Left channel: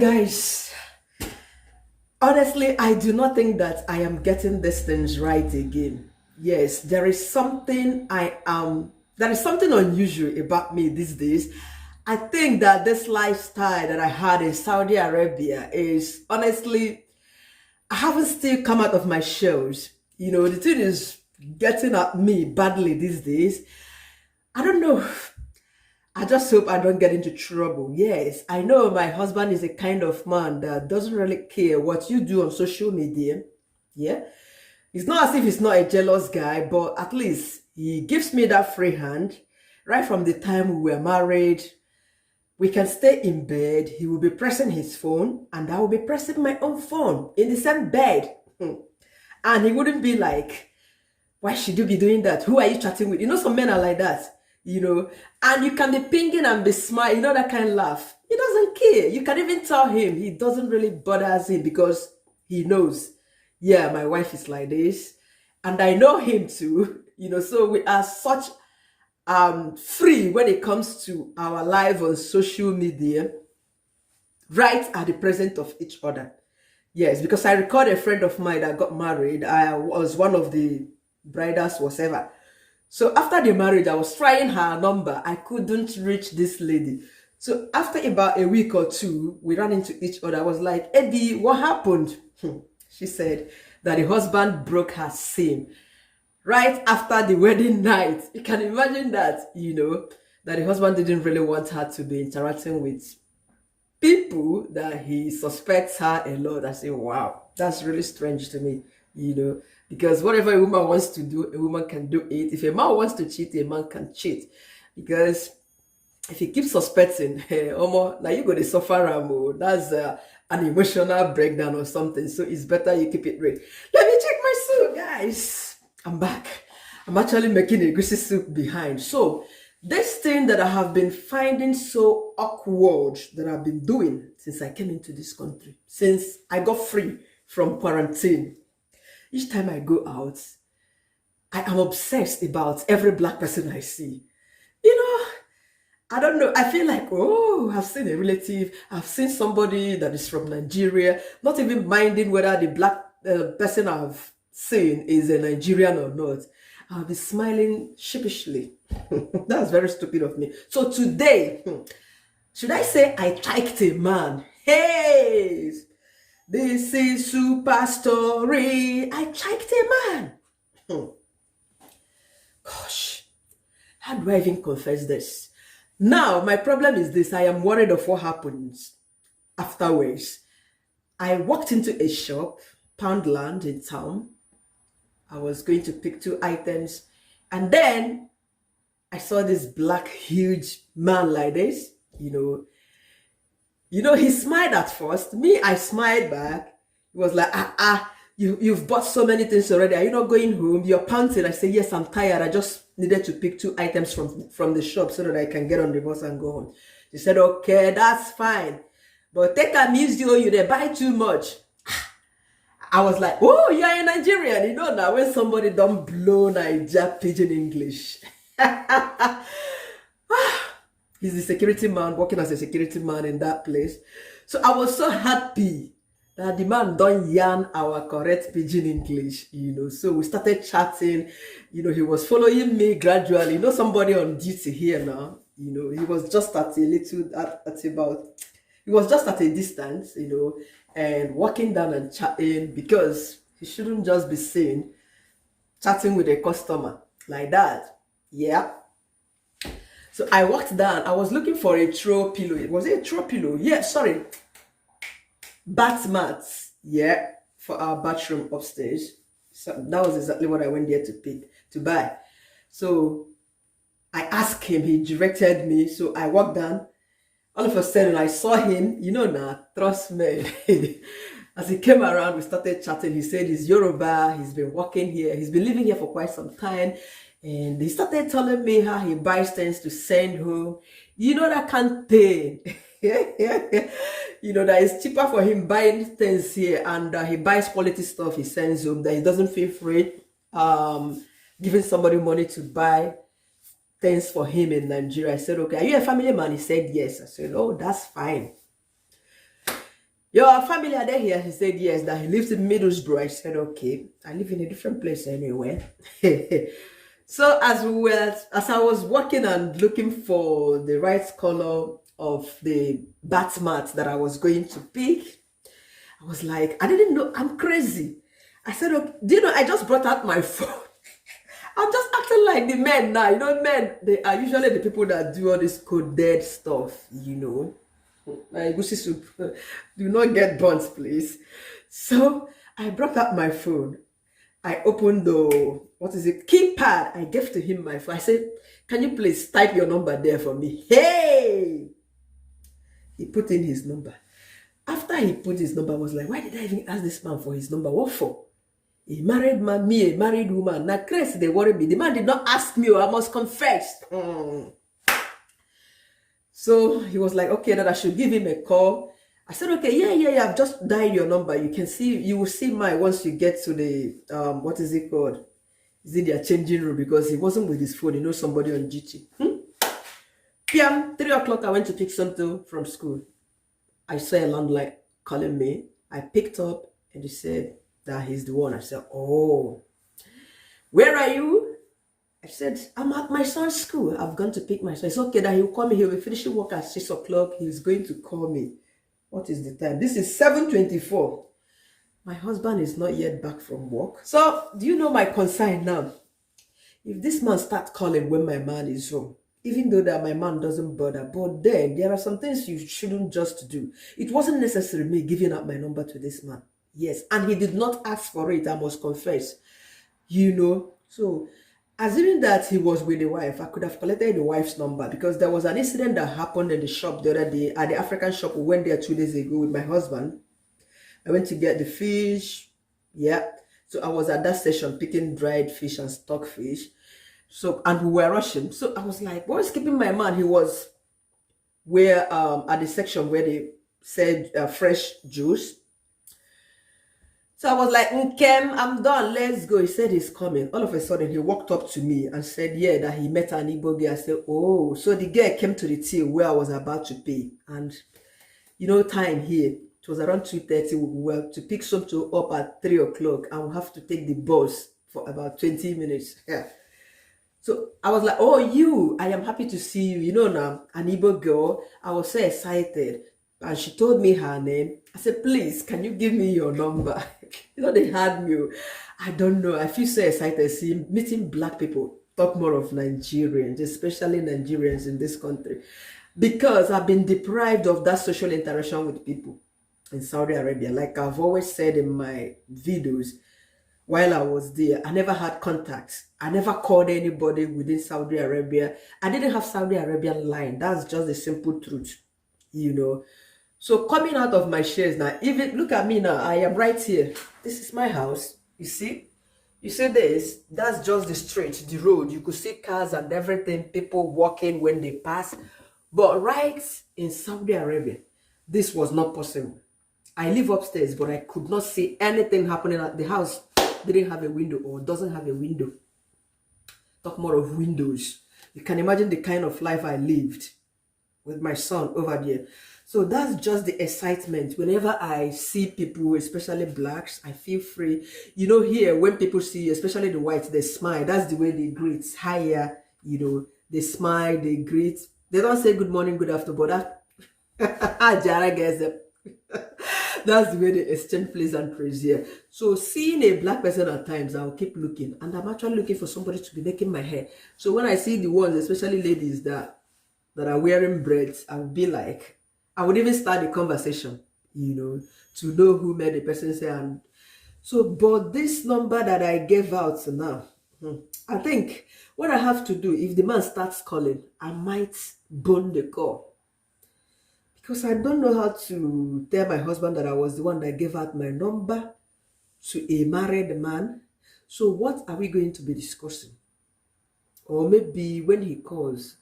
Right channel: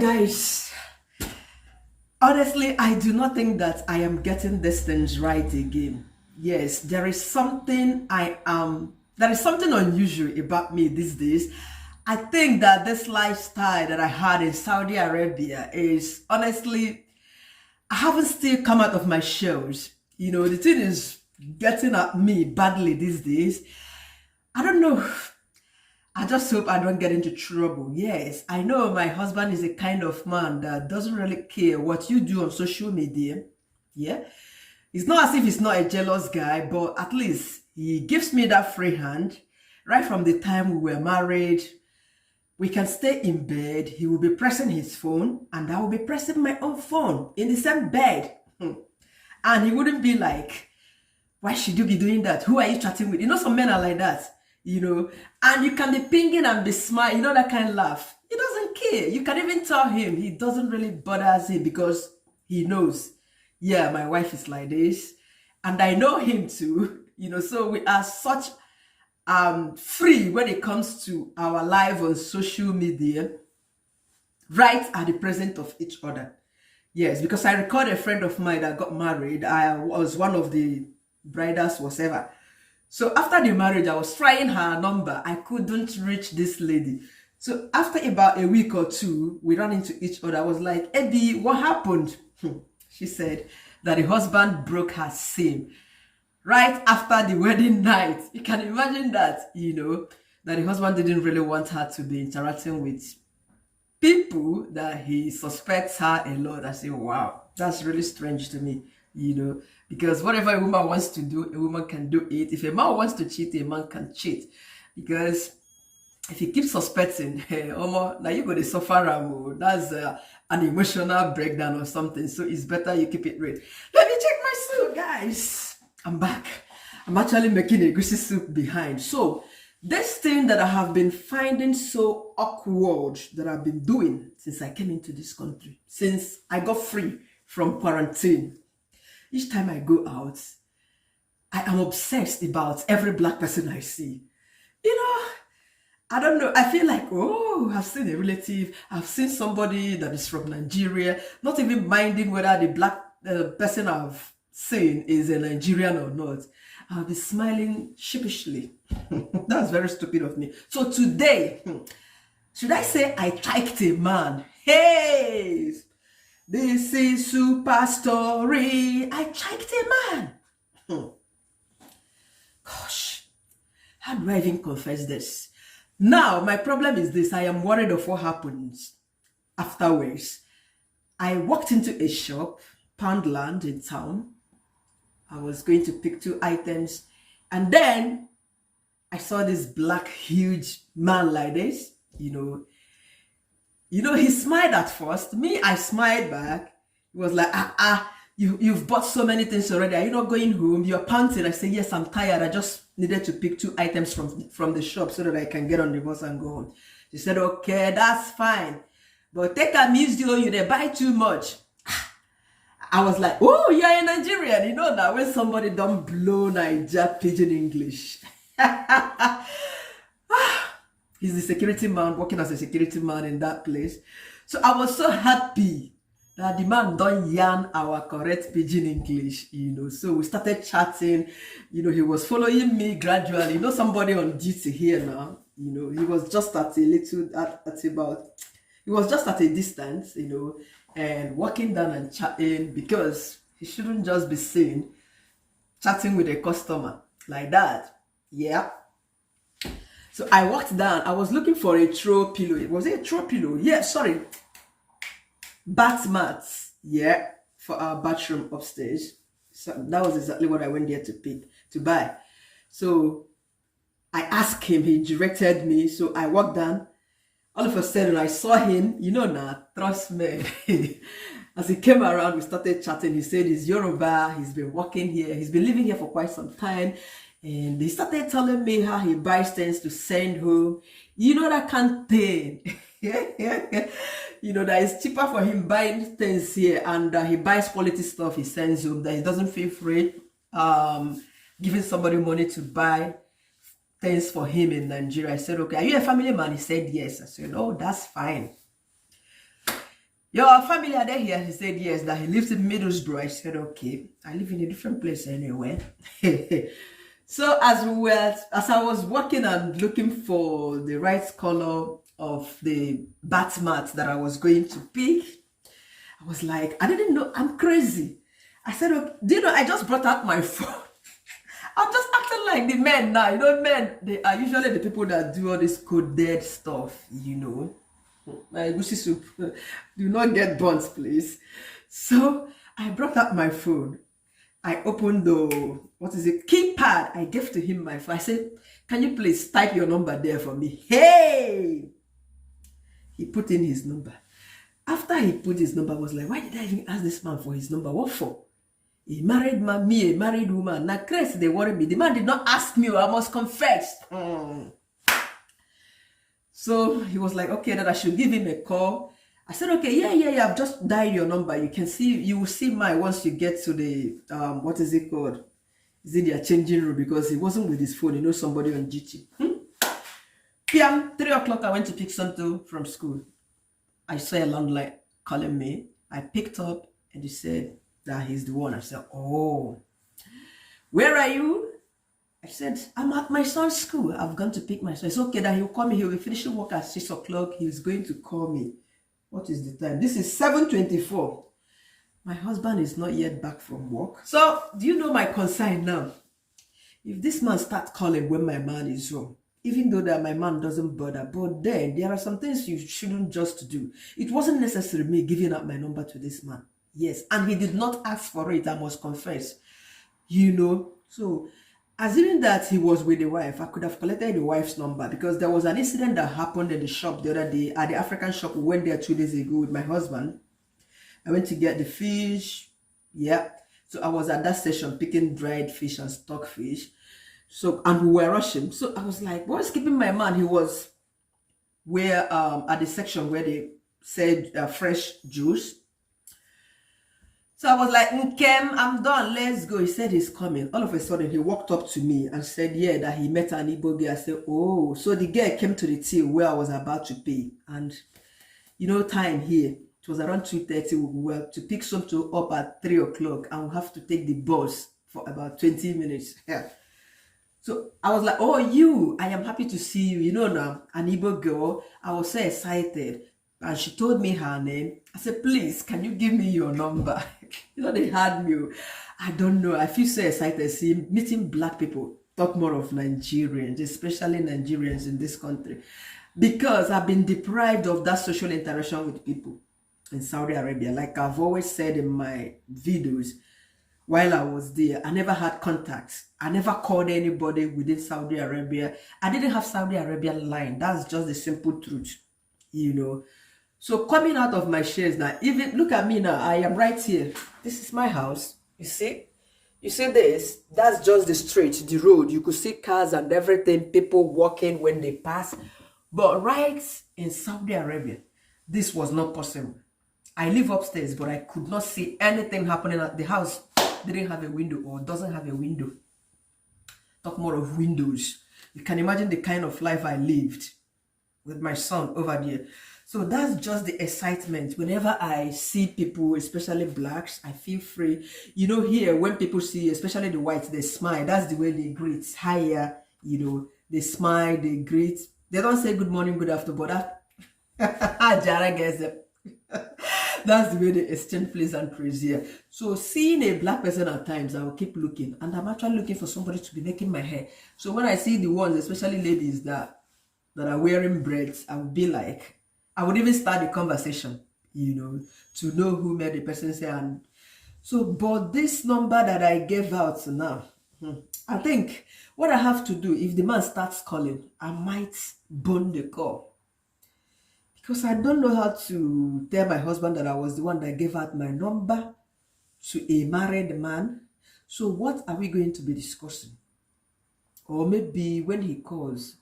Guys, honestly, I do not think that I am getting these things right again. Yes, there is something unusual about me these days. I think that this lifestyle that I had in Saudi Arabia is honestly, I haven't still come out of my shells. The thing is getting at me badly these days. I don't know. I just hope I don't get into trouble. Yes, I know my husband is a kind of man that doesn't really care what you do on social media. Yeah. It's not as if he's not a jealous guy, but at least he gives me that free hand. Right from the time we were married, we can stay in bed. He will be pressing his phone and I will be pressing my own phone in the same bed. And he wouldn't be like, why should you be doing that? Who are you chatting with? Some men are like that. And you can be pinging and be smiling, that kind of laugh. He doesn't care. You can even tell him he doesn't really bother him because he knows, yeah, my wife is like this. And I know him too, so we are such free when it comes to our life on social media, right at the present of each other. Yes, because I recall a friend of mine that got married. I was one of the bridals, whatever. So after the marriage, I was trying her number. I couldn't reach this lady. So after about a week or two, we ran into each other. I was like, Eddie, what happened? She said that the husband broke her sim right after the wedding night. You can imagine that, that the husband didn't really want her to be interacting with people that he suspects her a lot. I say, wow, that's really strange to me, because whatever a woman wants to do, a woman can do it. If a man wants to cheat, a man can cheat. Because if he keeps suspecting, hey, Omo, now you go to suffer, that's an emotional breakdown or something. So it's better you keep it real. Let me check my soup, guys. I'm back. I'm actually making a greasy soup behind. So this thing that I have been finding so awkward that I've been doing since I came into this country, since I got free from quarantine. Each time I go out, I am obsessed about every black person I see. I don't know. I feel like, oh, I've seen a relative. I've seen somebody that is from Nigeria, not even minding whether the black person I've seen is a Nigerian or not. I'll be smiling sheepishly. That's very stupid of me. So today, should I say I liked a man? Hey! This is super story. I liked a man. Gosh, how do I even confess this? Now, my problem is this. I am worried of what happens afterwards. I walked into a shop, Poundland in town. I was going to pick 2 items. And then I saw this black, huge man like this, he smiled at first. Me, I smiled back. He was like, you've bought so many things already. Are you not going home? You're panting. I said, yes, I'm tired. I just needed to pick 2 items from the shop so that I can get on the bus and go home. She said, okay, that's fine. But take a music, you they buy too much. I was like, oh, you're a Nigerian. Now when somebody don't blow Niger pidgin English. He's the security man, working as a security man in that place. So I was so happy that the man don't yarn our correct pidgin English, So we started chatting. He was following me gradually. Somebody on duty here now. He was just he was just at a distance, and walking down and chatting because he shouldn't just be seen chatting with a customer like that. Yeah. So I walked down. I was looking for a throw pillow. Was it a throw pillow? Yeah, sorry. Bath mats. Yeah, for our bathroom upstairs. So that was exactly what I went there to buy. So I asked him. He directed me. So I walked down. All of a sudden, I saw him. Trust me. As he came around, we started chatting. He said he's Yoruba. He's been working here. He's been living here for quite some time. And he started telling me how he buys things to send home. That can't thing. That it's cheaper for him buying things here, and he buys quality stuff he sends home, that he doesn't feel free giving somebody money to buy things for him in Nigeria. I said, okay, are you a family man? He said, yes. I said, oh, that's fine. Your family are they here? He said yes, that he lives in Middlesbrough. I said, okay, I live in a different place anyway. So as I was walking and looking for the right color of the bath mat that I was going to pick, I was like, I didn't know, I'm crazy. I said, okay, do you know, I just brought out my phone. I'm just acting like the men now. You know, men, they are usually the people that do all this coded stuff, you know. My goosey soup, do not get burnt, please. So I brought out my phone. I opened the, what is it, keypad. I gave to him my phone. I said, can you please type your number there for me? Hey! He put in his number. After he put his number, I was like, why did I even ask this man for his number? What for? A married man, me, a married woman. Now, crazy, they worry me. The man did not ask me, I must confess. So he was like, okay, that I should give him a call. I said, okay, yeah, I've just dialed your number. You can see, you will see mine once you get to the, what is it called? Is it their changing room? Because he wasn't with his phone. He knows somebody on GT. PM, 3 o'clock, I went to pick something from school. I saw a landline calling me. I picked up and he said that he's the one. I said, oh, where are you? I said, I'm at my son's school. I've gone to pick my son. It's okay that he'll call me. He'll be finishing work at 6 o'clock. He's going to call me. What is the time? This is 7:24. My husband is not yet back from work. So, do you know my concern now? If this man starts calling when my man is home, even though that my man doesn't bother, but then there are some things you shouldn't just do. It wasn't necessary me giving up my number to this man. Yes, and he did not ask for it, I must confess. You know, so assuming that he was with the wife, I could have collected the wife's number, because there was an incident that happened in the shop the other day, at the African shop. We went there 2 days ago with my husband. I went to get the fish. Yeah. So I was at that station picking dried fish and stock fish. So, and we were rushing. So I was like, what's keeping my man? He was where, at the section where they said fresh juice. So I was like, Nkem, I'm done, let's go. He said he's coming. All of a sudden, he walked up to me and said, yeah, that he met an Igbo girl. I said, oh, so the girl came to the till where I was about to pay. And, you know, time here, it was around 2:30. We were to pick something up at 3 o'clock, and we have to take the bus for about 20 minutes. Yeah. So I was like, oh, I am happy to see you. You know now, an Igbo girl. I was so excited. And she told me her name. I said, please, can you give me your number? You know, they had me. I don't know. I feel so excited seeing meeting black people. Talk more of Nigerians, especially Nigerians in this country. Because I've been deprived of that social interaction with people in Saudi Arabia. Like I've always said in my videos, while I was there, I never had contacts. I never called anybody within Saudi Arabia. I didn't have Saudi Arabian line. That's just the simple truth, you know. So coming out of my shares now, even look at me now, I am right here. This is my house. You see this? That's just the street, the road. You could see cars and everything, people walking when they pass. But right in Saudi Arabia, this was not possible. I live upstairs, but I could not see anything happening at the house. Didn't have a window or doesn't have a window. Talk more of windows. You can imagine the kind of life I lived with my son over there. So that's just the excitement. Whenever I see people, especially blacks, I feel free. You know, here, when people see, especially the whites, they smile. That's the way they greet. Hiya, you know, they smile, they greet. They don't say good morning, good afternoon, but Jara gets them. That's the way they exchange pleasantries here. So seeing a black person at times, I'll keep looking. And I'm actually looking for somebody to be making my hair. So when I see the ones, especially ladies that are wearing braids, I would be like, I would even start the conversation, you know, to know who made the person say. And so, but this number that I gave out now, I think what I have to do, if the man starts calling, I might burn the call. Because I don't know how to tell my husband that I was the one that gave out my number to a married man. So what are we going to be discussing? Or maybe when he calls,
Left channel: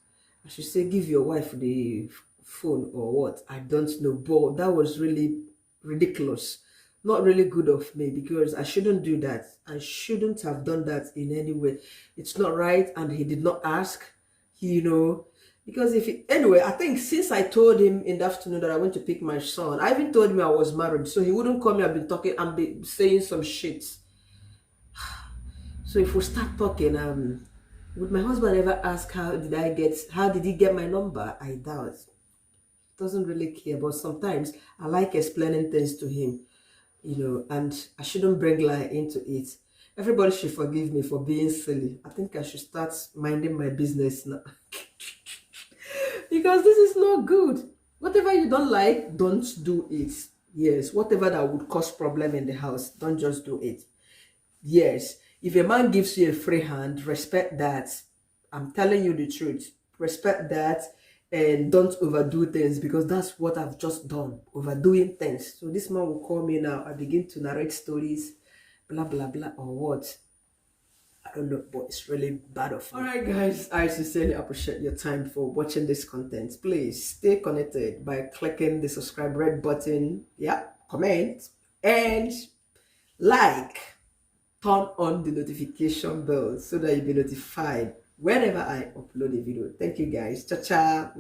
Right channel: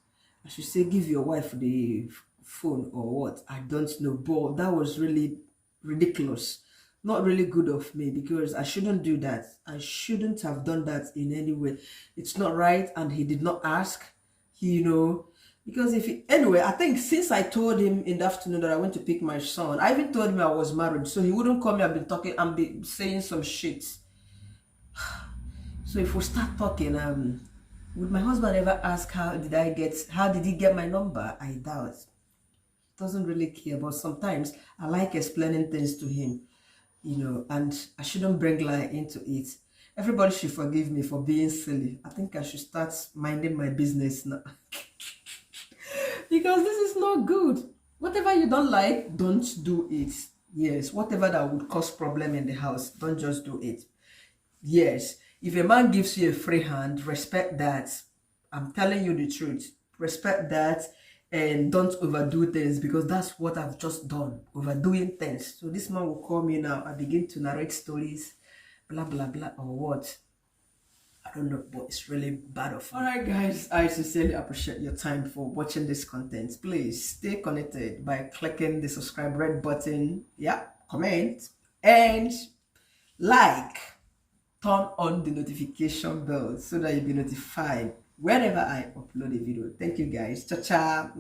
I should say, give your wife the phone or what, I don't know. But that was really ridiculous, not really good of me, because I shouldn't do that. I shouldn't have done that in any way. It's not right. And he did not ask, you know. Because anyway, I think since I told him in the afternoon that I went to pick my son, I even told him I was married, so he wouldn't call me. I've been talking and be saying some shit. So if we start talking, would my husband ever ask how did he get my number? I doubt. Doesn't really care, but sometimes I like explaining things to him, and I shouldn't bring lie into it. Everybody should forgive me for being silly. I think I should start minding my business now. Because this is not good. Whatever you don't like, don't do it. Yes, whatever that would cause problem in the house, don't just do it. Yes, if a man gives you a free hand, respect that. I'm telling you the truth. Respect that and don't overdo things, because that's what I've just done, overdoing things. So this man will call me now. I begin to narrate stories, blah, blah, blah, or what. I don't know, but it's really bad of me. All right, guys, I sincerely appreciate your time for watching this content. Please stay connected by clicking the subscribe red button. Yeah, comment and like. Turn on the notification bell so that you'll be notified whenever I upload a video. Thank you, guys. Cha-cha.